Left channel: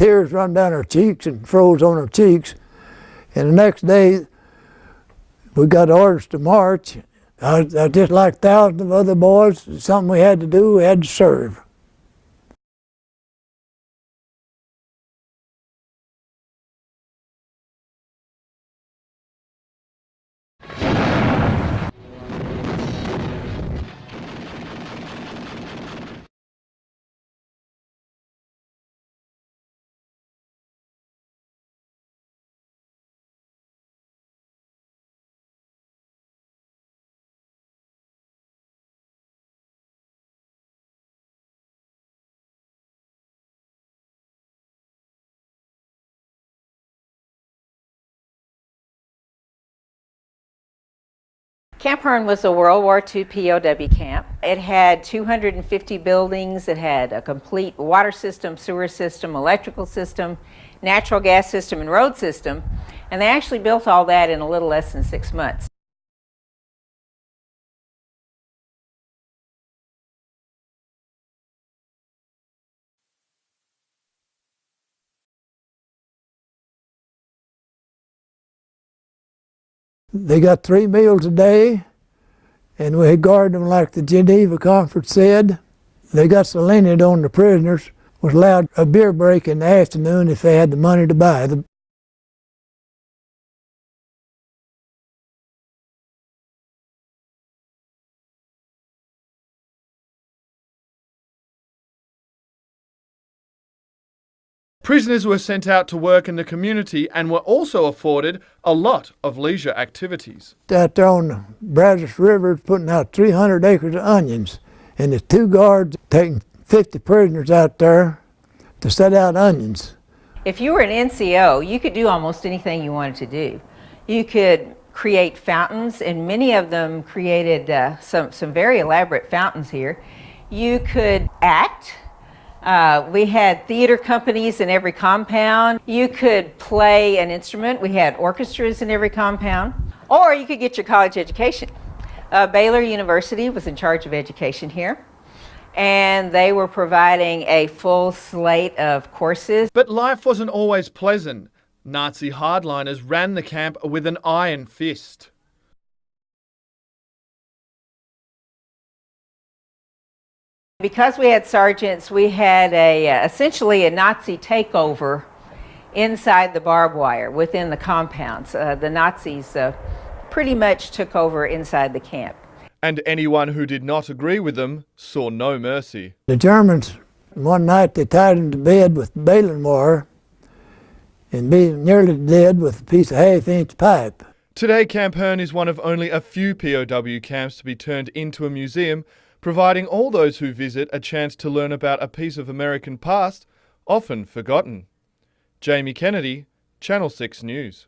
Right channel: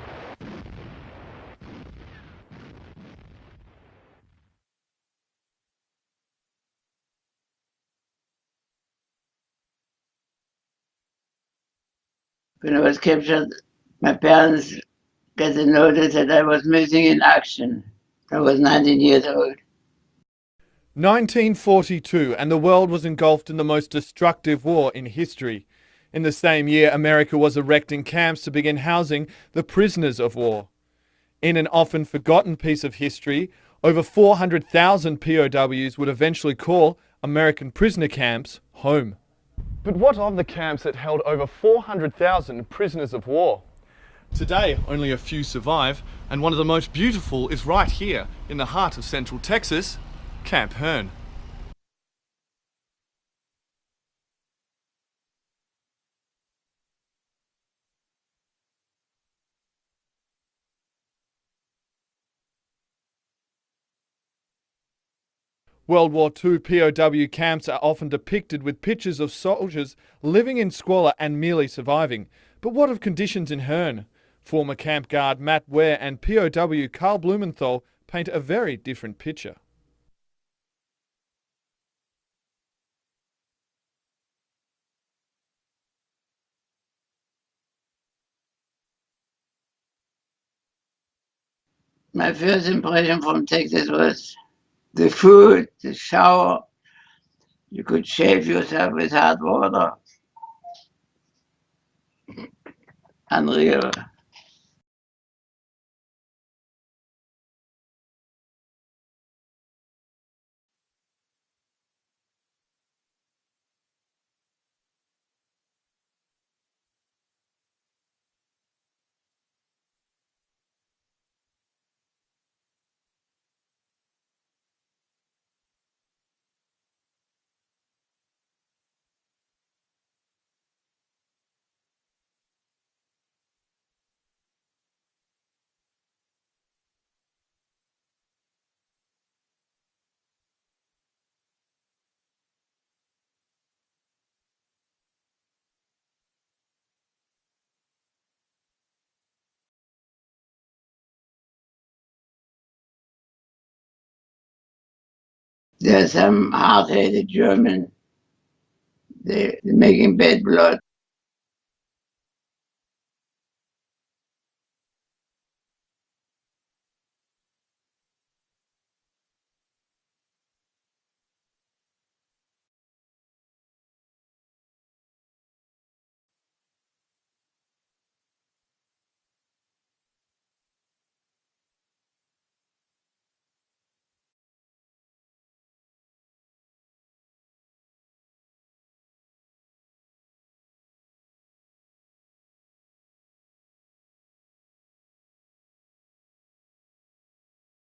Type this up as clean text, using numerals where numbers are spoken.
tears run down our cheeks and froze on our cheeks. And the next day, we got orders to march. I just like thousands of other boys, something we had to do, we had to serve. When I was captured, my parents got the notice that I was missing in action. I was 19 years old. 1942, and the world was engulfed in the most destructive war in history. In the same year, America was erecting camps to begin housing the prisoners of war. In an often forgotten piece of history, over 400,000 POWs would eventually call American prisoner camps home. But what of the camps that held over 400,000 prisoners of war? Today, only a few survive, and one of the most beautiful is right here in the heart of Central Texas, Camp Hearne. Camp Hearne was a World War II POW camp. It had 250 buildings. It had a complete water system, sewer system, electrical system, natural gas system, and road system. And they actually built all that in a little less than 6 months. World War II POW camps are often depicted with pictures of soldiers living in squalor and merely surviving. But what of conditions in Hearne? Former camp guard Matt Ware and POW Carl Blumenthal paint a very different picture. They got 3 meals a day, and we guarded them like the Geneva Conference said. They got so lenient on the prisoners, was allowed a beer break in the afternoon if they had the money to buy them. My first impression from Texas was the food, the shower. You could shave yourself with hot water. Unreal. Prisoners were sent out to work in the community and were also afforded a lot of leisure activities. Out there on the Brazos River putting out 300 acres of onions, and there's 2 guards taking 50 prisoners out there to set out onions. If you were an NCO, you could do almost anything you wanted to do. You could create fountains, and many of them created some very elaborate fountains here. You could act. We had theater companies in every compound. You could play an instrument. We had orchestras in every compound. Or you could get your college education. Baylor University was in charge of education here, and they were providing a full slate of courses. But life wasn't always pleasant. Nazi hardliners ran the camp with an iron fist. There's some hard-headed German. They're making bad blood. Because we had sergeants, we had essentially a Nazi takeover inside the barbed wire within the compounds. The Nazis pretty much took over inside the camp. And anyone who did not agree with them saw no mercy. The Germans, one night they tied him to bed with baling wire and being nearly dead with a piece of half-inch pipe. Today, Camp Hearne is one of only a few POW camps to be turned into a museum, providing all those who visit a chance to learn about a piece of American past often forgotten. Jamie Kennedy, Channel 6 News.